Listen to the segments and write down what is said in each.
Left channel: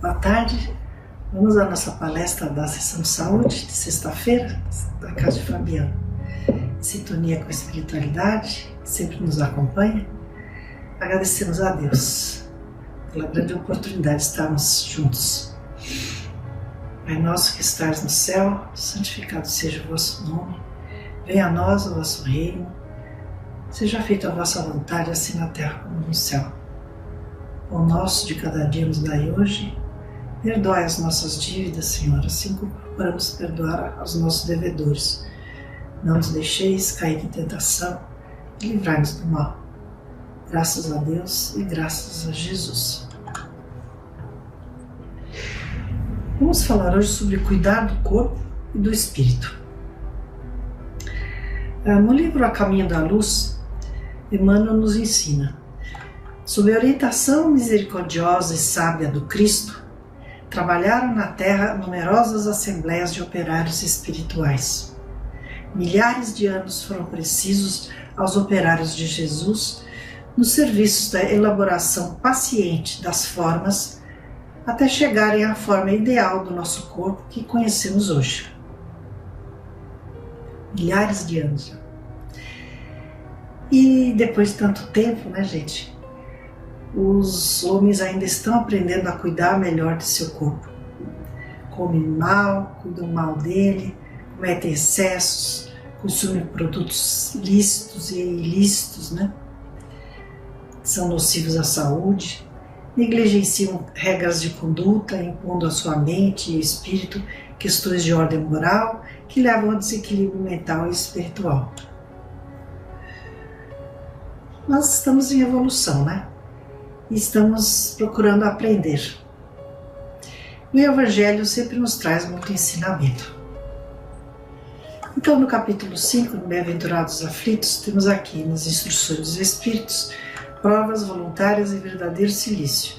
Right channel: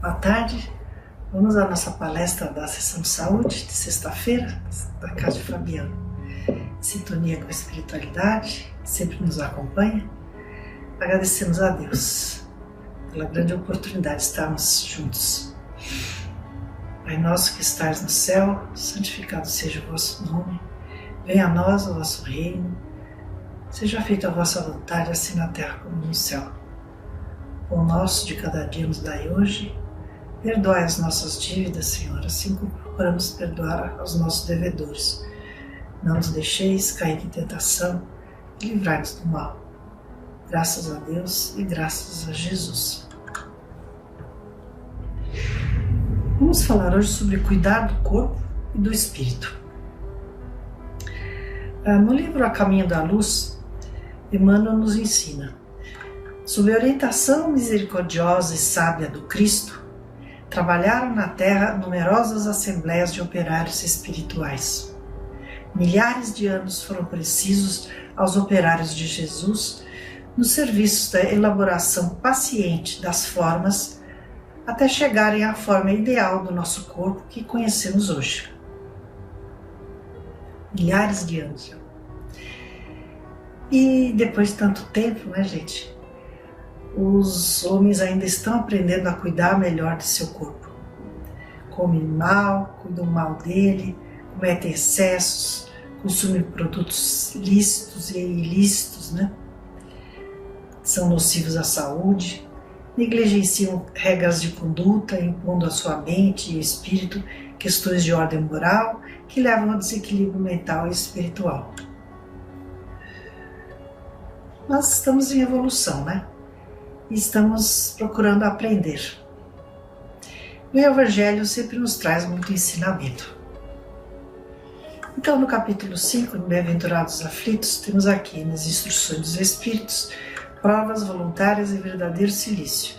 Boa tarde, vamos à nossa palestra da sessão de saúde de sexta-feira, da Casa de Fabiano. Sintonia com a espiritualidade, sempre nos acompanha. Agradecemos a Deus pela grande oportunidade de estarmos juntos. Pai nosso que estás no céu, santificado seja o vosso nome, venha a nós o vosso reino, seja feita a vossa vontade, assim na terra como no céu. O nosso de cada dia nos dai hoje, perdoai as nossas dívidas, Senhor, assim como procuramos perdoar aos nossos devedores. Não nos deixeis cair em tentação e livrai-nos do mal. Graças a Deus e graças a Jesus. Vamos falar hoje sobre cuidar do corpo e do espírito. No livro A Caminho da Luz, Emmanuel nos ensina: sob a orientação misericordiosa e sábia do Cristo, trabalharam na Terra numerosas assembleias de operários espirituais. Milhares de anos foram precisos aos operários de Jesus nos serviços da elaboração paciente das formas até chegarem à forma ideal do nosso corpo que conhecemos hoje. Milhares de anos. E depois de tanto tempo, né, gente? Os homens ainda estão aprendendo a cuidar melhor de seu corpo. Comem mal, cuidam mal dele, cometem excessos, consumem produtos lícitos e ilícitos, né? São nocivos à saúde, negligenciam regras de conduta, impondo à sua mente e espírito questões de ordem moral que levam ao desequilíbrio mental e espiritual. Nós estamos em evolução, né? E estamos procurando aprender. O Evangelho sempre nos traz muito ensinamento. Então, no capítulo 5, no Bem-aventurados aflitos, temos aqui nas instruções dos Espíritos, provas voluntárias e verdadeiro silício,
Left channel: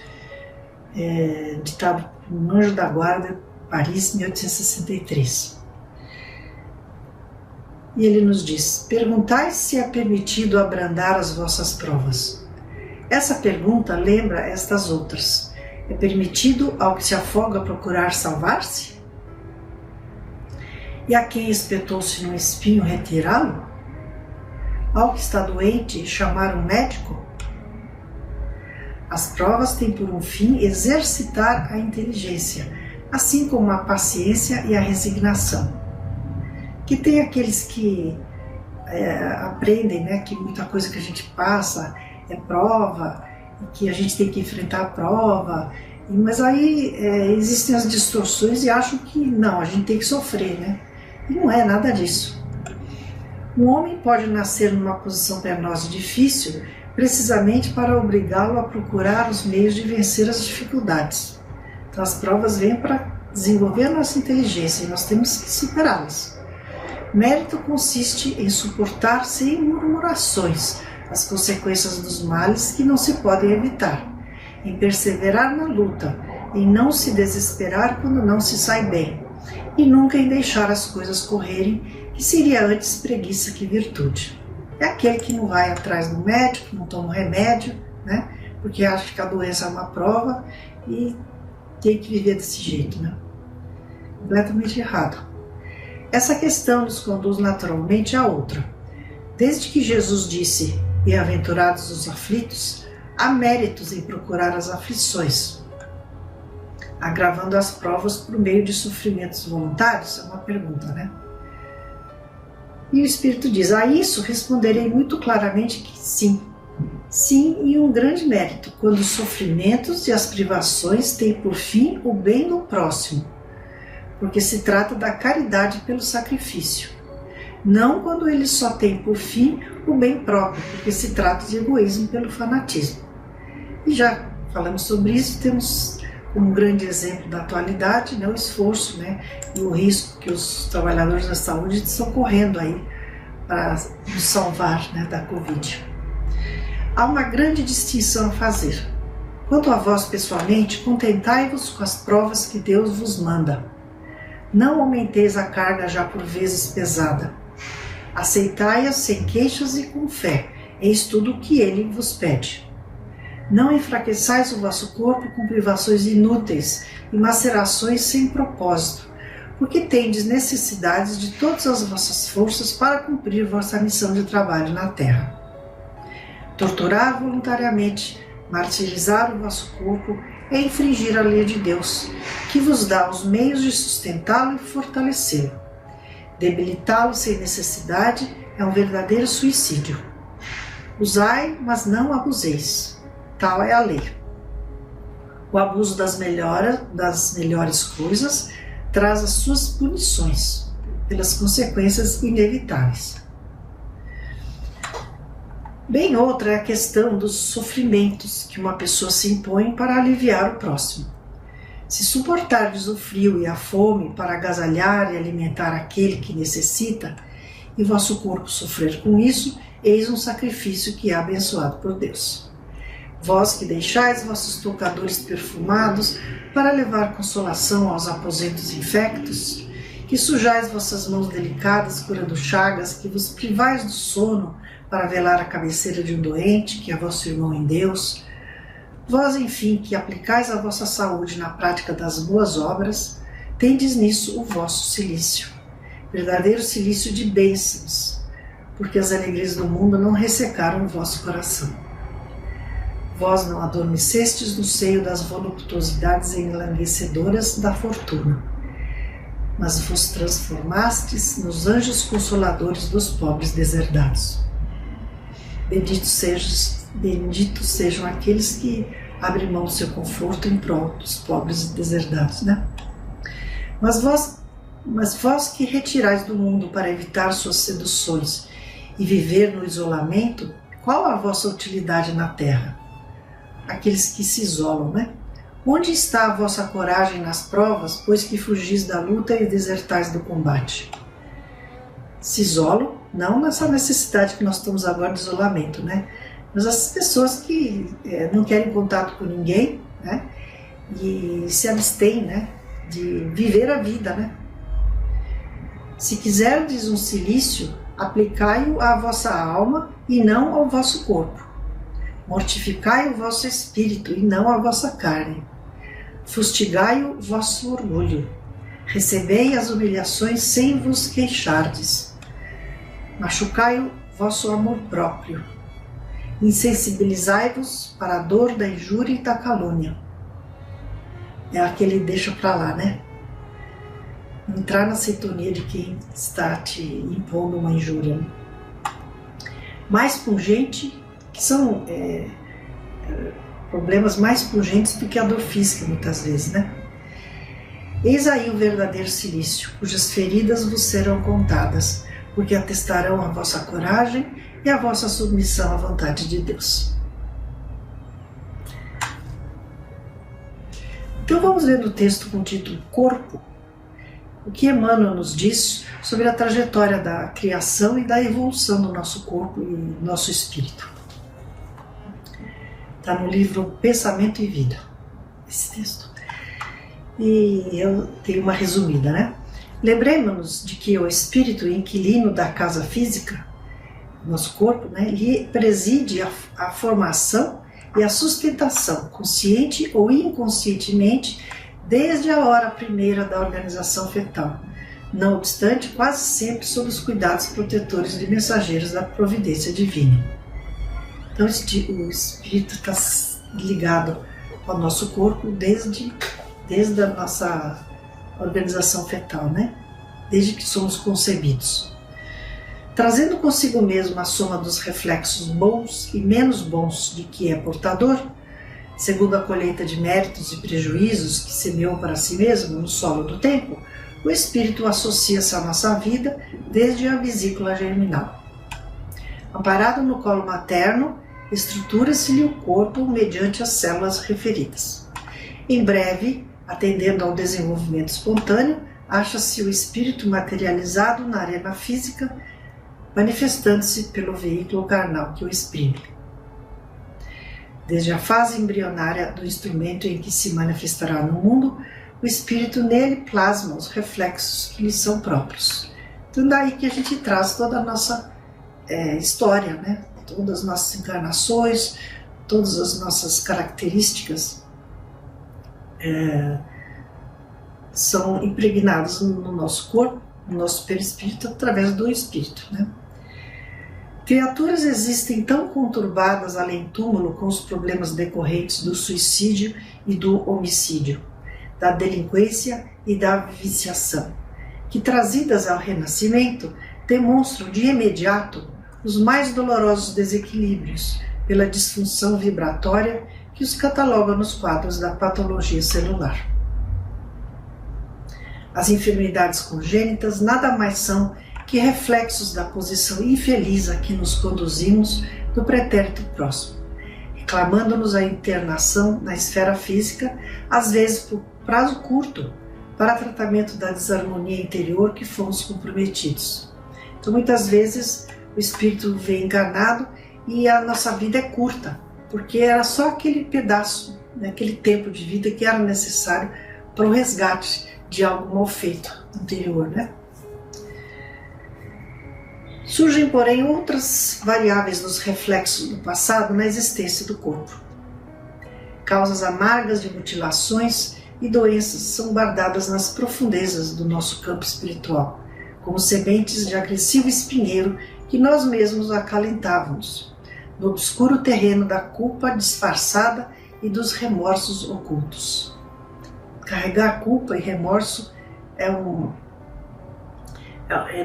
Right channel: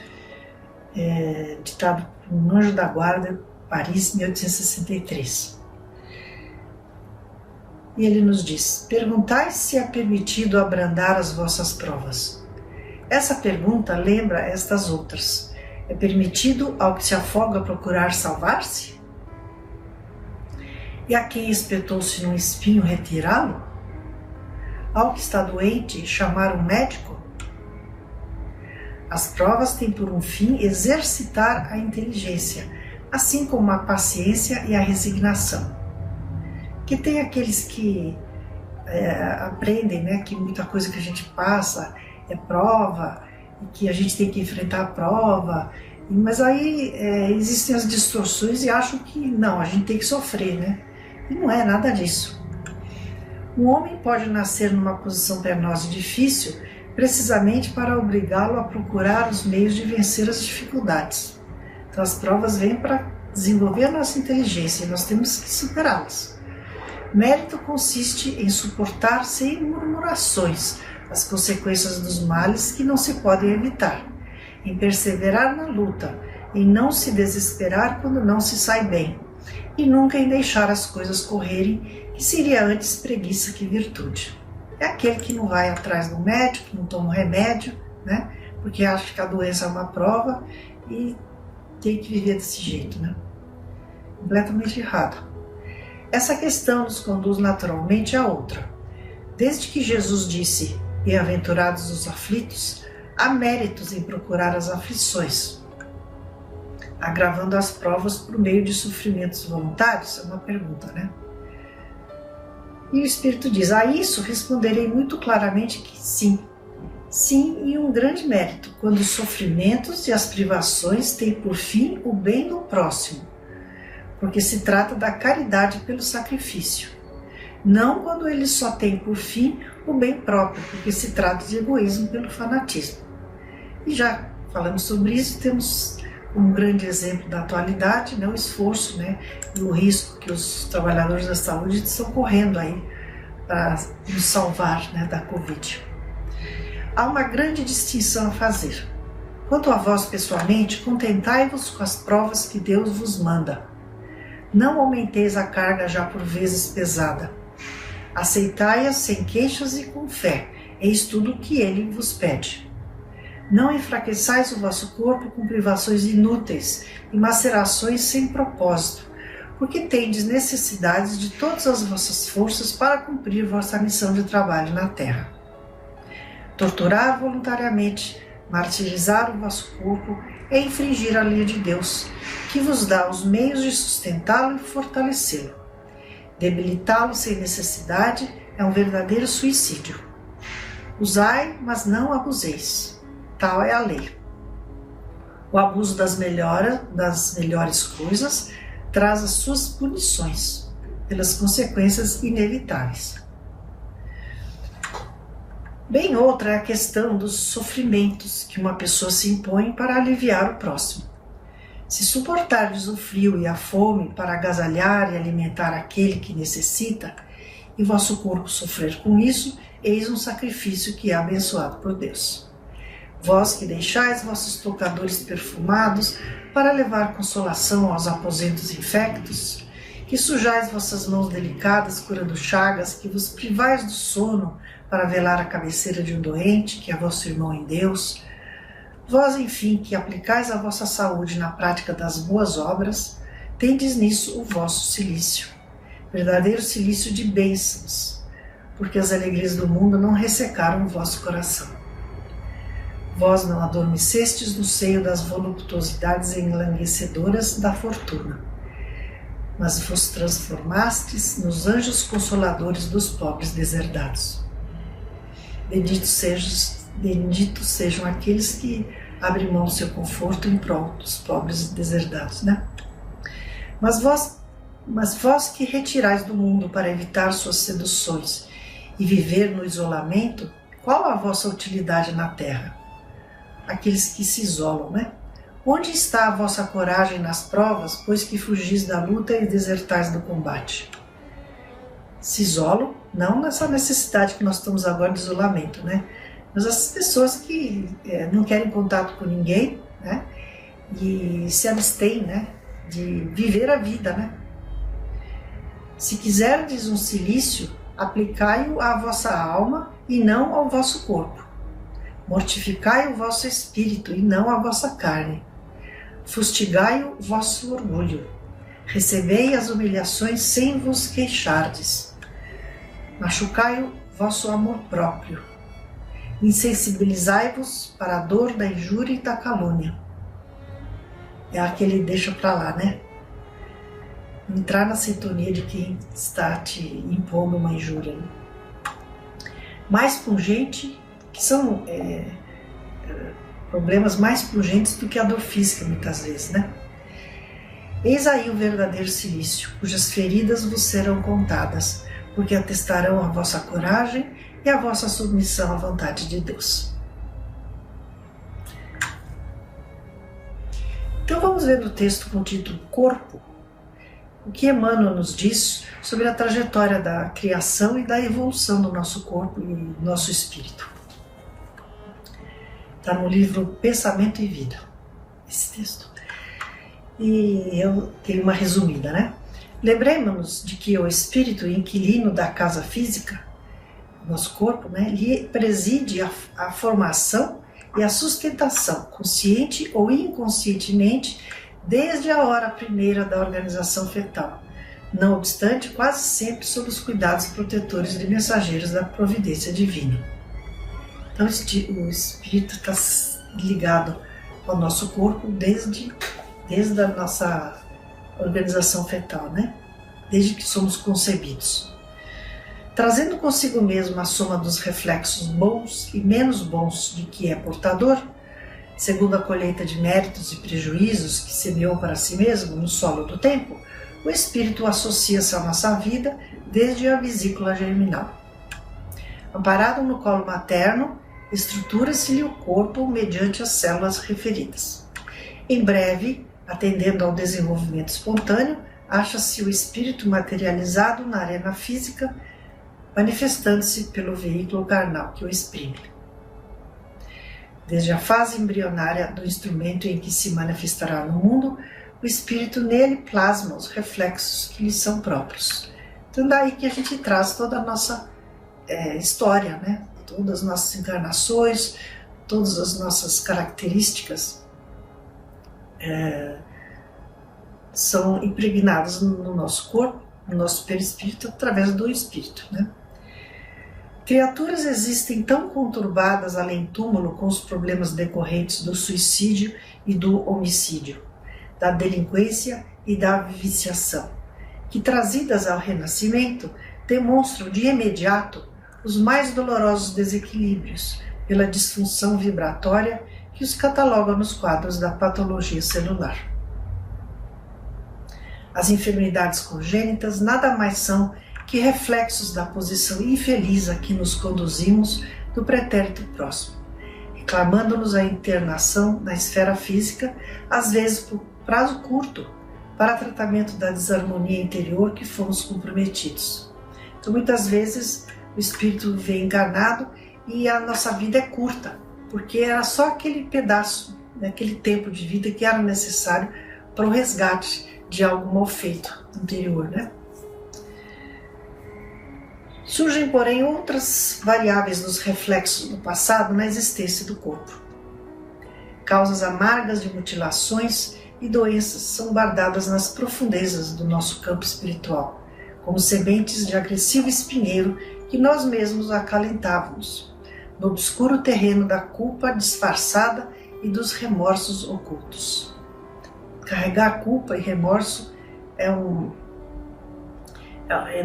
ditado por um anjo da guarda, Paris, 1863. E ele nos diz: perguntai se é permitido abrandar as vossas provas. Essa pergunta lembra estas outras. É permitido ao que se afoga procurar salvar-se? E a quem espetou-se num espinho retirá-lo? Ao que está doente chamar um médico? As provas têm por um fim exercitar a inteligência, assim como a paciência e a resignação. Que tem aqueles que aprendem, né, que muita coisa que a gente passa é prova, e que a gente tem que enfrentar a prova, mas aí existem as distorções e acham que não, a gente tem que sofrer, né? E não é nada disso. Um homem pode nascer numa posição penosa e difícil precisamente para obrigá-lo a procurar os meios de vencer as dificuldades. Então as provas vêm para desenvolver a nossa inteligência e nós temos que superá-las. Mérito consiste em suportar sem murmurações as consequências dos males que não se podem evitar, em perseverar na luta, em não se desesperar quando não se sai bem, e nunca em deixar as coisas correrem, que seria antes preguiça que virtude. É aquele que não vai atrás do médico, não toma um remédio, né? Porque acha que a doença é uma prova e tem que viver desse jeito, né? Completamente errado. Essa questão nos conduz naturalmente a outra. Desde que Jesus disse: bem-aventurados os aflitos, há méritos em procurar as aflições. Agravando as provas por meio de sofrimentos voluntários? É uma pergunta, né? E o Espírito diz: a isso responderei muito claramente que sim. Sim, e um grande mérito, quando os sofrimentos e as privações têm por fim o bem do próximo, porque se trata da caridade pelo sacrifício. Não quando ele só tem por fim o bem próprio, porque se trata de egoísmo pelo fanatismo. E já falamos sobre isso, temos como grande exemplo da atualidade, né, o esforço, né, e o risco que os trabalhadores da saúde estão correndo aí para nos salvar, né, da Covid. Há uma grande distinção a fazer. Quanto a vós pessoalmente, contentai-vos com as provas que Deus vos manda. Não aumenteis a carga já por vezes pesada. Aceitai-as sem queixas e com fé, eis tudo o que Ele vos pede. Não enfraqueçais o vosso corpo com privações inúteis e macerações sem propósito, porque tendes necessidades de todas as vossas forças para cumprir vossa missão de trabalho na terra. Torturar voluntariamente, martirizar o vosso corpo é infringir a lei de Deus, que vos dá os meios de sustentá-lo e fortalecê-lo. Debilitá-lo sem necessidade é um verdadeiro suicídio. Usai, mas não abuseis. Tal é a lei. O abuso das melhores coisas traz as suas punições, pelas consequências inevitáveis. Bem outra é a questão dos sofrimentos que uma pessoa se impõe para aliviar o próximo. Se suportardes o frio e a fome para agasalhar e alimentar aquele que necessita, e vosso corpo sofrer com isso, eis um sacrifício que é abençoado por Deus. Vós que deixais vossos tocadores perfumados para levar consolação aos aposentos infectos, que sujais vossas mãos delicadas curando chagas, que vos privais do sono para velar a cabeceira de um doente, que é vosso irmão em Deus, vós, enfim, que aplicais a vossa saúde na prática das boas obras, tendes nisso o vosso cilício, verdadeiro cilício de bênçãos, porque as alegrias do mundo não ressecaram o vosso coração. Vós não adormecestes no seio das voluptuosidades enlanguecedoras da fortuna, mas vos transformastes nos anjos consoladores dos pobres deserdados. Benditos sejam aqueles que abrem mão do seu conforto em prol dos pobres deserdados, né? Mas vós que retirais do mundo para evitar suas seduções e viver no isolamento, qual a vossa utilidade na terra? Aqueles que se isolam, né? Onde está a vossa coragem nas provas, pois que fugis da luta e desertais do combate? Se isolam, não nessa necessidade que nós estamos agora de isolamento, né? Mas as pessoas que não querem contato com ninguém, né? E se abstêm, né? De viver a vida, né? Se quiserdes um cilício, aplicai-o à vossa alma e não ao vosso corpo. Mortificai o vosso espírito e não a vossa carne. Fustigai o vosso orgulho. Recebei as humilhações sem vos queixardes. Machucai o vosso amor próprio. Insensibilizai-vos para a dor da injúria e da calúnia. É aquele deixa pra lá, né? Entrar na sintonia de quem está te impondo uma injúria. Mais pungente, que são problemas mais pungentes do que a dor física, muitas vezes, né? Eis aí o verdadeiro cilício, cujas feridas vos serão contadas, porque atestarão a vossa coragem e a vossa submissão à vontade de Deus. Então vamos ver no texto com o título Corpo, o que Emmanuel nos diz sobre a trajetória da criação e da evolução do nosso corpo e nosso espírito. Está no livro Pensamento e Vida, esse texto. E eu tenho uma resumida, né? Lembremos-nos de que o espírito inquilino da casa física, nosso corpo, né, ele preside a formação e a sustentação, consciente ou inconscientemente, desde a hora primeira da organização fetal, não obstante, quase sempre sob os cuidados protetores e mensageiros da providência divina. Então, o espírito está ligado ao nosso corpo desde a nossa organização fetal, né? Desde que somos concebidos. Trazendo consigo mesmo a soma dos reflexos bons e menos bons de que é portador, segundo a colheita de méritos e prejuízos que semeou para si mesmo no solo do tempo, o espírito associa-se à nossa vida desde a vesícula germinal. Amparado no colo materno, estrutura-se-lhe o corpo mediante as células referidas. Em breve, atendendo ao desenvolvimento espontâneo, acha-se o espírito materializado na arena física, manifestando-se pelo veículo carnal que o exprime. Desde a fase embrionária do instrumento em que se manifestará no mundo, o espírito nele plasma os reflexos que lhe são próprios. Então daí que a gente traz toda a nossa história, né? Todas as nossas encarnações, todas as nossas características são impregnadas no nosso corpo, no nosso perispírito, através do espírito, né? Criaturas existem tão conturbadas além túmulo com os problemas decorrentes do suicídio e do homicídio, da delinquência e da viciação, que trazidas ao renascimento demonstram de imediato os mais dolorosos desequilíbrios pela disfunção vibratória que os cataloga nos quadros da patologia celular. As enfermidades congênitas nada mais são que reflexos da posição infeliz a que nos conduzimos do pretérito próximo, reclamando-nos a internação na esfera física, às vezes por prazo curto, para tratamento da desarmonia interior que fomos comprometidos. Então, muitas vezes, o espírito vem enganado e a nossa vida é curta, porque era só aquele pedaço, aquele tempo de vida que era necessário para o resgate de algo mal feito anterior, né? Surgem, porém, outras variáveis nos reflexos do passado na existência do corpo. Causas amargas de mutilações e doenças são guardadas nas profundezas do nosso campo espiritual, como sementes de agressivo espinheiro que nós mesmos acalentávamos, no obscuro terreno da culpa disfarçada e dos remorsos ocultos. Carregar culpa e remorso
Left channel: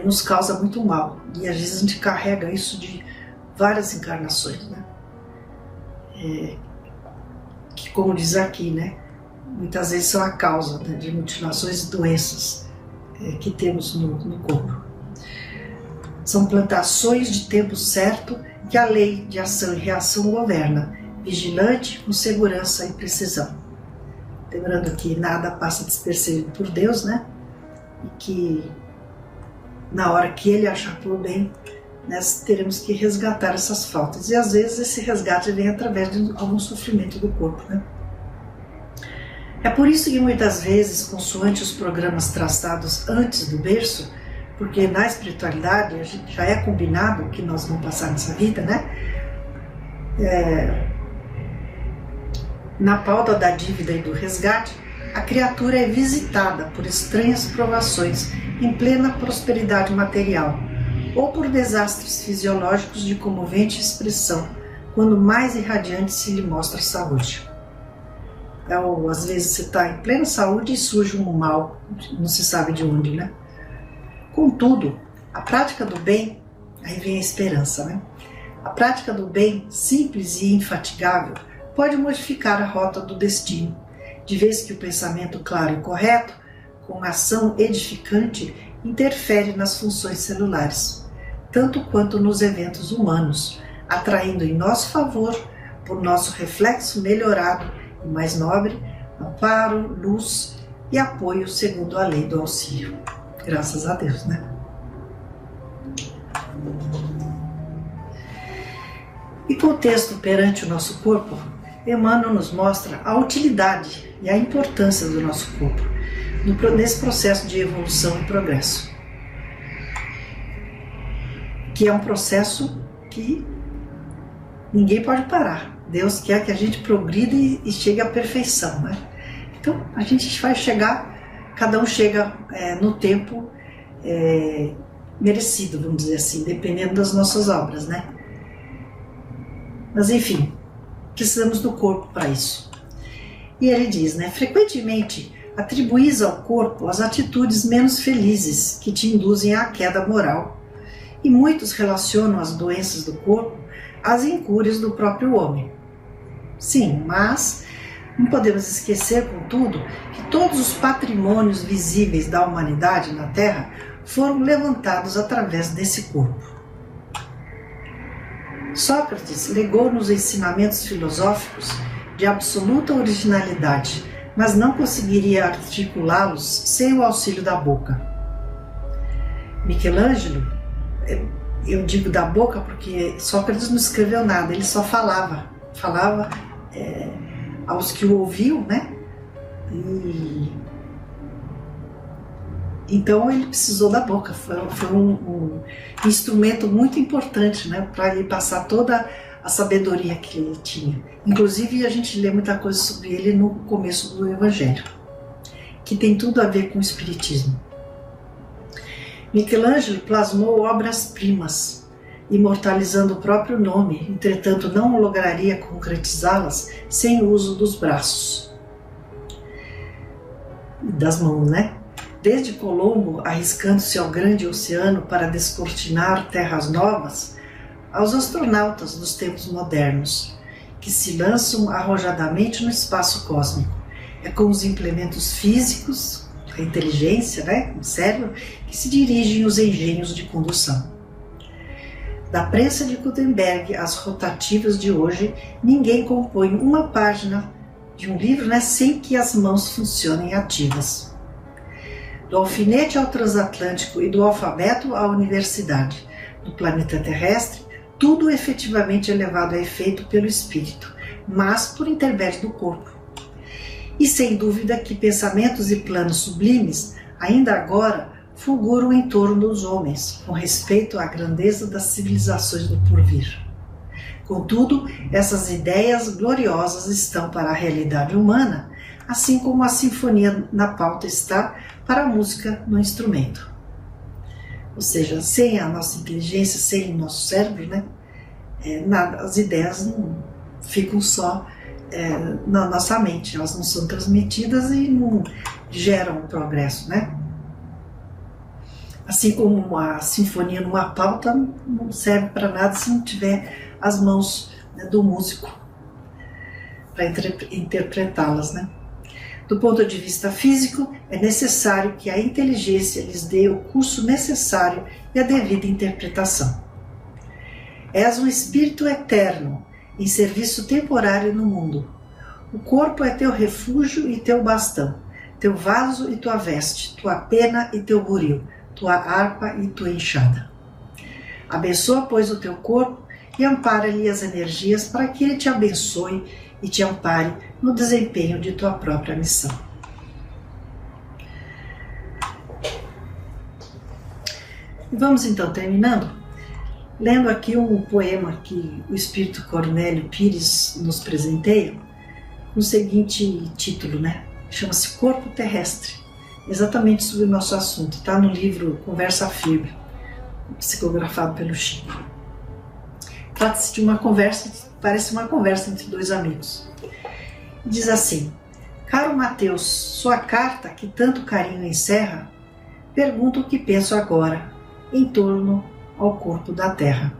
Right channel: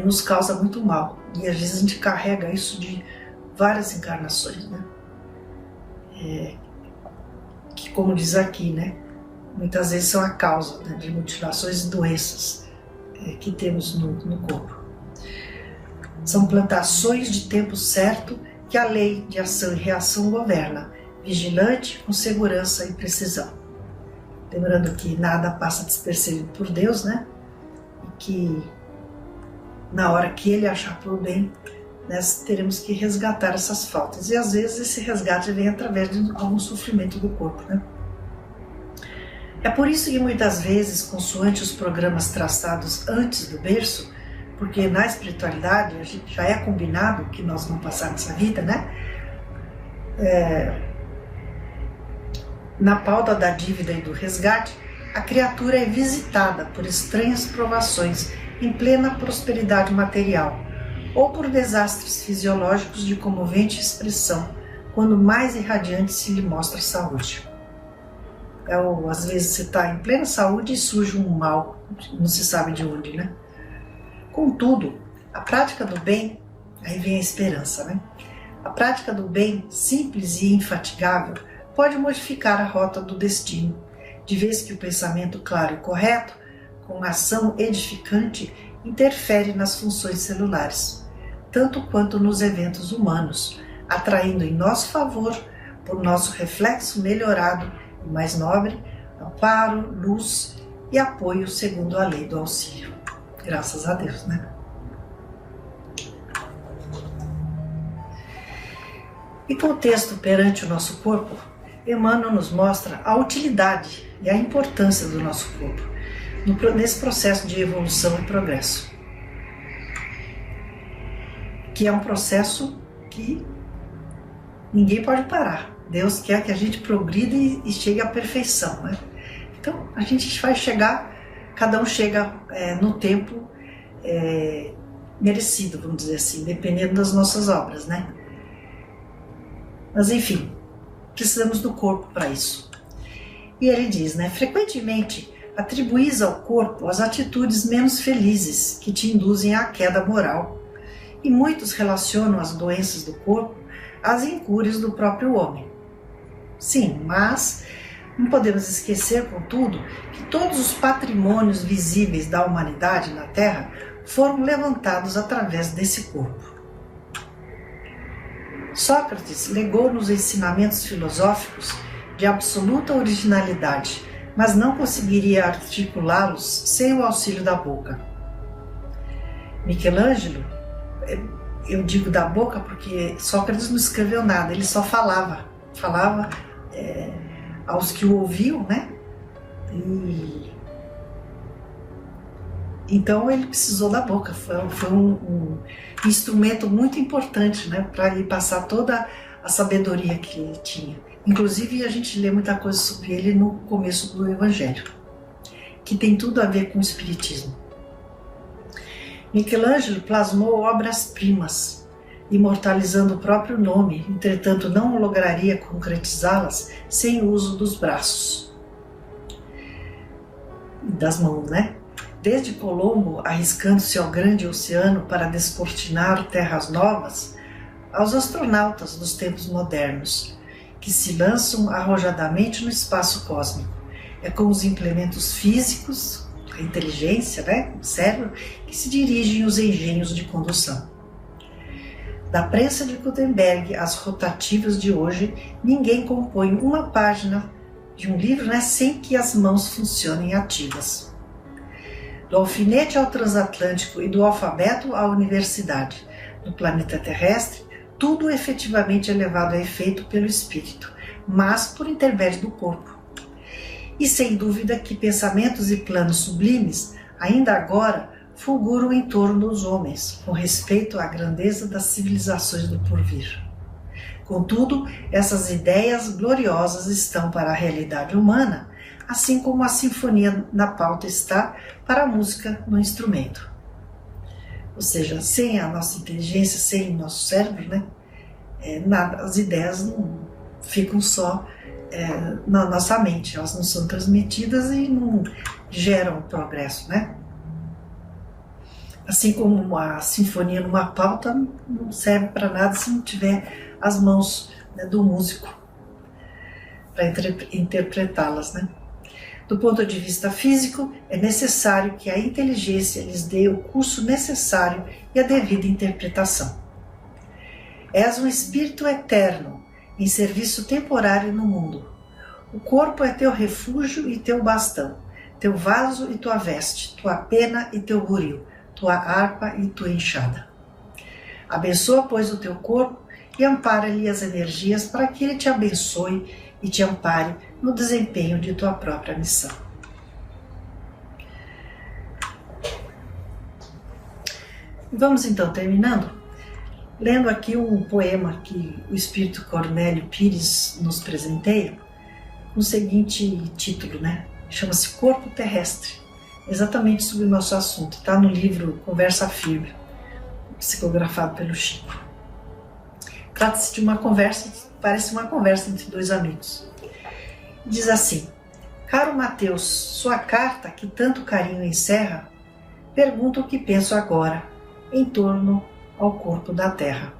nos causa muito mal, e às vezes a gente carrega isso de várias encarnações, né? Que, como diz aqui, né, muitas vezes são a causa, né, de mutilações e doenças que temos no corpo. São plantações de tempo certo que a lei de ação e reação governa, vigilante, com segurança e precisão. Lembrando que nada passa despercebido por Deus, né? E que na hora que Ele achar por bem, nós teremos que resgatar essas faltas. E às vezes esse resgate vem através de algum sofrimento do corpo, né? É por isso que muitas vezes, consoante os programas traçados antes do berço, porque na espiritualidade a gente já é combinado que nós vamos passar nessa vida, né? Na pauta da dívida e do resgate, a criatura é visitada por estranhas provações em plena prosperidade material, ou por desastres fisiológicos de comovente expressão, quando mais irradiante se lhe mostra a saúde. Às vezes você está em plena saúde e surge um mal, não se sabe de onde, né? Contudo, a prática do bem, aí vem a esperança, né? A prática do bem, simples e infatigável, pode modificar a rota do destino, de vez que o pensamento claro e correto, com ação edificante, interfere nas funções celulares, tanto quanto nos eventos humanos, atraindo em nosso favor, por nosso reflexo melhorado e mais nobre, amparo, luz e apoio segundo a lei do auxílio. Graças a Deus, né? E com o texto perante o nosso corpo, Emmanuel nos mostra a utilidade e a importância do nosso corpo nesse processo de evolução e progresso, que é um processo que ninguém pode parar. Deus quer que a gente progrida e chegue à perfeição, né? Então a gente vai chegar, cada um chega no tempo merecido, vamos dizer assim, dependendo das nossas obras, né? Mas enfim, precisamos do corpo para isso. E ele diz, né? Frequentemente atribuís ao corpo as atitudes menos felizes que te induzem à queda moral, e muitos relacionam as doenças do corpo às incúrias do próprio homem. Sim, mas não podemos esquecer, contudo, que todos os patrimônios visíveis da humanidade na Terra foram levantados através desse corpo. Sócrates legou-nos ensinamentos filosóficos de absoluta originalidade, mas não conseguiria articulá-los sem o auxílio da boca. Michelangelo, eu digo da boca porque Sócrates não escreveu nada, ele só falava aos que o ouviam, né? Então ele precisou da boca, foi um instrumento muito importante, né, para ele passar toda a sabedoria que ele tinha. Inclusive, a gente lê muita coisa sobre ele no começo do Evangelho, que tem tudo a ver com o Espiritismo. Michelangelo plasmou obras-primas, imortalizando o próprio nome, entretanto não lograria concretizá-las sem o uso dos braços e das mãos, né? Desde Colombo, arriscando-se ao grande oceano para descortinar terras novas, aos astronautas dos tempos modernos, que se lançam arrojadamente no espaço cósmico. É com os implementos físicos, a inteligência, né, o cérebro, que se dirigem os engenhos de condução. Da prensa de Gutenberg às rotativas de hoje, ninguém compõe uma página de um livro, né, sem que as mãos funcionem ativas. Do alfinete ao transatlântico e do alfabeto à universidade, no planeta terrestre, tudo efetivamente é levado a efeito pelo espírito, mas por intermédio do corpo. E sem dúvida que pensamentos e planos sublimes, ainda agora, fulguram em torno dos homens, com respeito à grandeza das civilizações do porvir. Contudo, essas ideias gloriosas estão para a realidade humana, assim como a sinfonia na pauta está para a música no instrumento. Ou seja, sem a nossa inteligência, sem o nosso cérebro, né, nada, as ideias não ficam só na nossa mente, elas não são transmitidas e não geram progresso, né? Assim como a sinfonia numa pauta não serve para nada se não tiver as mãos, né, do músico para interpretá-las, né? Do ponto de vista físico, é necessário que a inteligência lhes dê o curso necessário e a devida interpretação. És um espírito eterno, em serviço temporário no mundo. O corpo é teu refúgio e teu bastão, teu vaso e tua veste, tua pena e teu buril, tua harpa e tua enxada. Abençoa, pois, o teu corpo e ampara-lhe as energias para que ele te abençoe e te ampare no desempenho de tua própria missão. Vamos então terminando, lendo aqui um poema que o Espírito Cornélio Pires nos presenteia, com o seguinte título, né? Chama-se Corpo Terrestre, exatamente sobre o nosso assunto. Está no livro Conversa Firme, psicografado pelo Chico. Trata-se de uma conversa, parece uma conversa entre dois amigos. Diz assim: Caro Mateus, sua carta, que tanto carinho encerra, pergunta o que penso agora, em torno ao corpo da terra.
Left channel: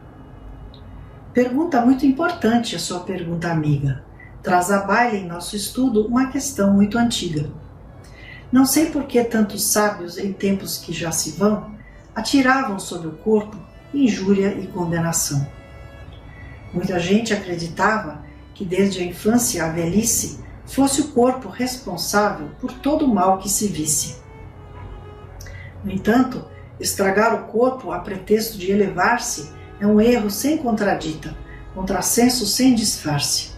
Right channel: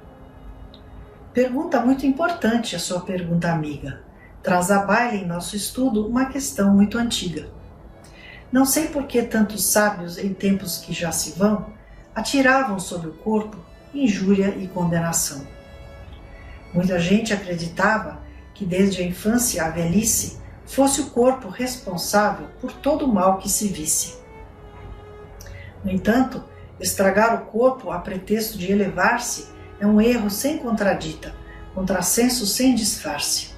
Pergunta muito importante a sua pergunta amiga. Traz à baila em nosso estudo uma questão muito antiga. Não sei por que tantos sábios, em tempos que já se vão, atiravam sobre o corpo injúria e condenação. Muita gente acreditava que desde a infância à velhice fosse o corpo responsável por todo o mal que se visse. No entanto, estragar o corpo a pretexto de elevar-se é um erro sem contradita, contrassenso sem disfarce.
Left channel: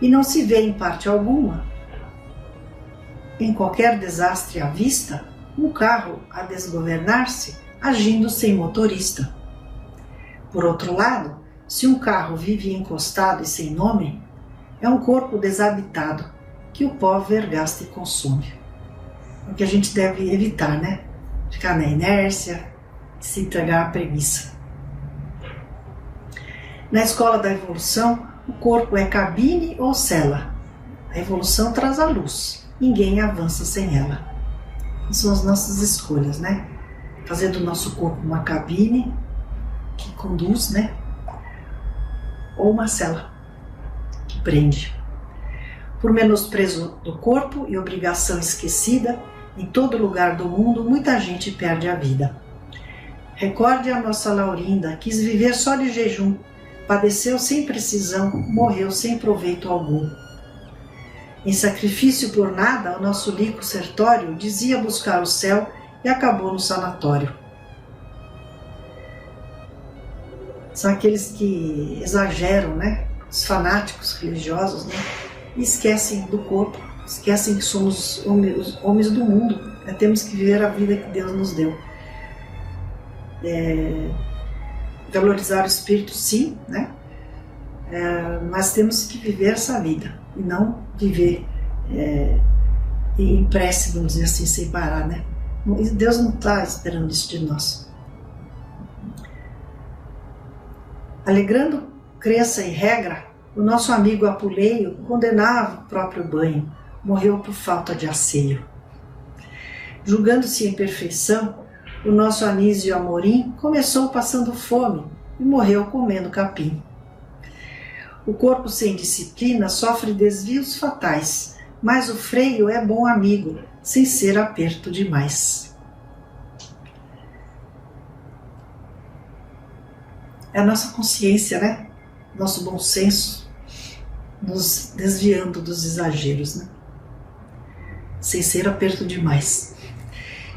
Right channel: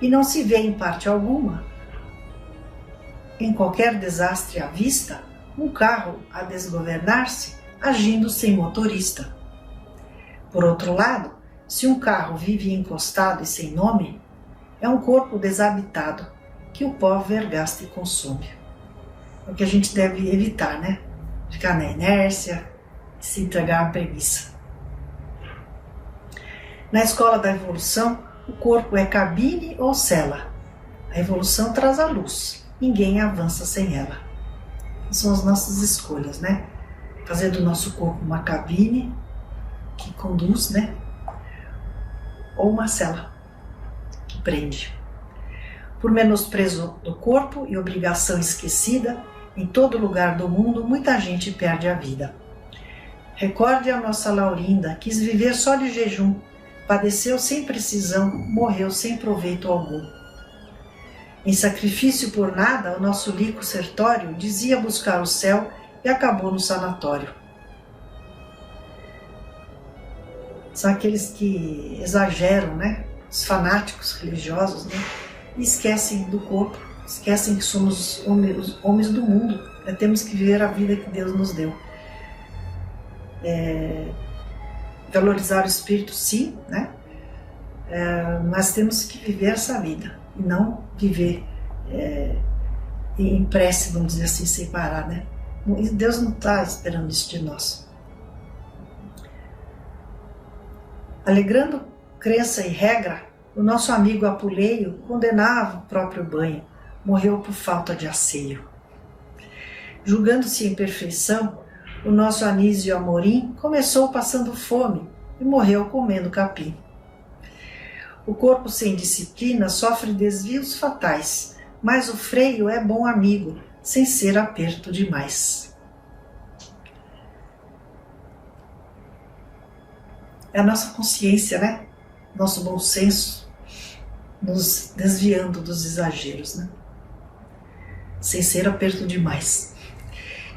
E não se vê em parte alguma, em qualquer desastre à vista, um carro a desgovernar-se agindo sem motorista. Por outro lado, se um carro vive encostado e sem nome, é um corpo desabitado que o pó vergasta e consome. É o que a gente deve evitar, né? Ficar na inércia, se entregar à preguiça. Na escola da evolução, o corpo é cabine ou cela. A evolução traz a luz, ninguém avança sem ela. São as nossas escolhas, né? Fazer do nosso corpo uma cabine que conduz, né? Ou uma cela que prende. Por menosprezo do corpo e obrigação esquecida, em todo lugar do mundo muita gente perde a vida. Recorde a nossa Laurinda, quis viver só de jejum, padeceu sem precisão, morreu sem proveito algum. Em sacrifício por nada, o nosso Lico Sertório dizia buscar o céu e acabou no sanatório. São aqueles que exageram, né? Os fanáticos religiosos, né? E esquecem do corpo, esquecem que somos homens do mundo, né? Temos que viver a vida que Deus nos deu. Valorizar o espírito, sim, né? nós temos que viver essa vida e não viver em prece, vamos dizer assim, sem parar, né? Deus não está esperando isso de nós. Alegando crença e regra, o nosso amigo Apuleio condenava o próprio banho, morreu por falta de asseio. Julgando-se em perfeição, o nosso Anísio Amorim começou passando fome e morreu comendo capim. O corpo sem disciplina sofre desvios fatais, mas o freio é bom amigo, sem ser aperto demais. É a nossa consciência, né? Nosso bom senso, nos desviando dos exageros, né? Sem ser aperto demais.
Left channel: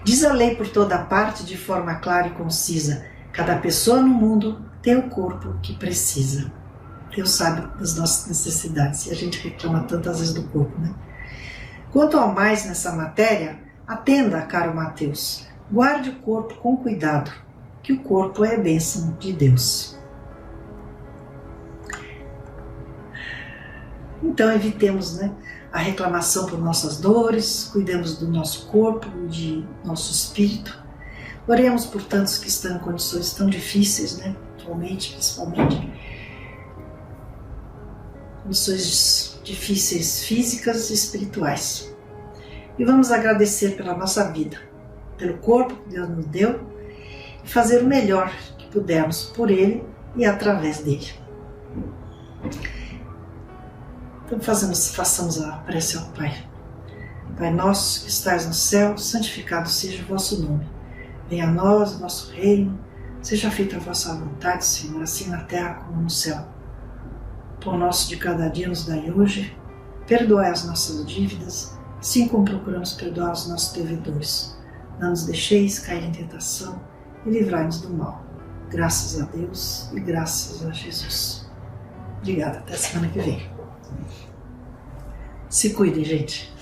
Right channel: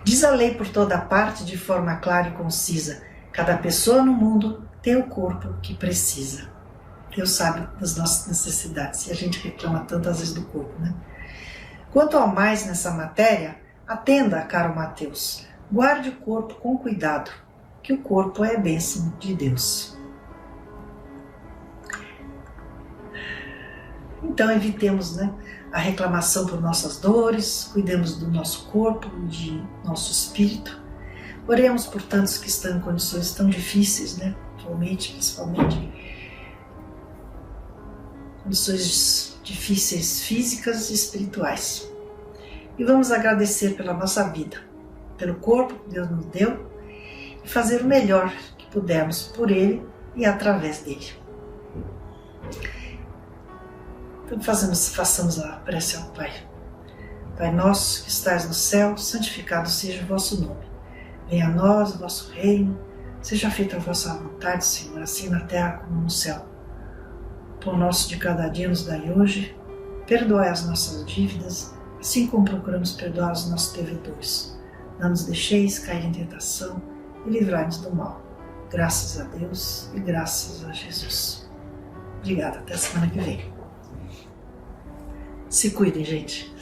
Diz a lei por toda parte de forma clara e concisa: cada pessoa no mundo tem o corpo que precisa. Deus sabe das nossas necessidades e a gente reclama tantas vezes do corpo, né? Quanto ao mais nessa matéria, atenda, caro Mateus, guarde o corpo com cuidado, que o corpo é a bênção de Deus. Então evitemos, né, a reclamação por nossas dores, cuidemos do nosso corpo, de nosso espírito. Oremos por tantos que estão em condições tão difíceis, né, atualmente, principalmente. Condições difíceis físicas e espirituais. E vamos agradecer pela nossa vida, pelo corpo que Deus nos deu e fazer o melhor que pudermos por Ele e através dele. Então façamos a prece ao Pai. Pai nosso que estais no céu, santificado seja o vosso nome. Venha a nós o vosso reino, seja feita a vossa vontade, Senhor, assim na terra como no céu. O pão nosso de cada dia nos dai hoje, perdoai as nossas dívidas, assim como procuramos perdoar os nossos devedores. Não nos deixeis cair em tentação e livrai-nos do mal. Graças a Deus e graças a Jesus. Obrigada, até a semana que vem. Se cuidem, gente.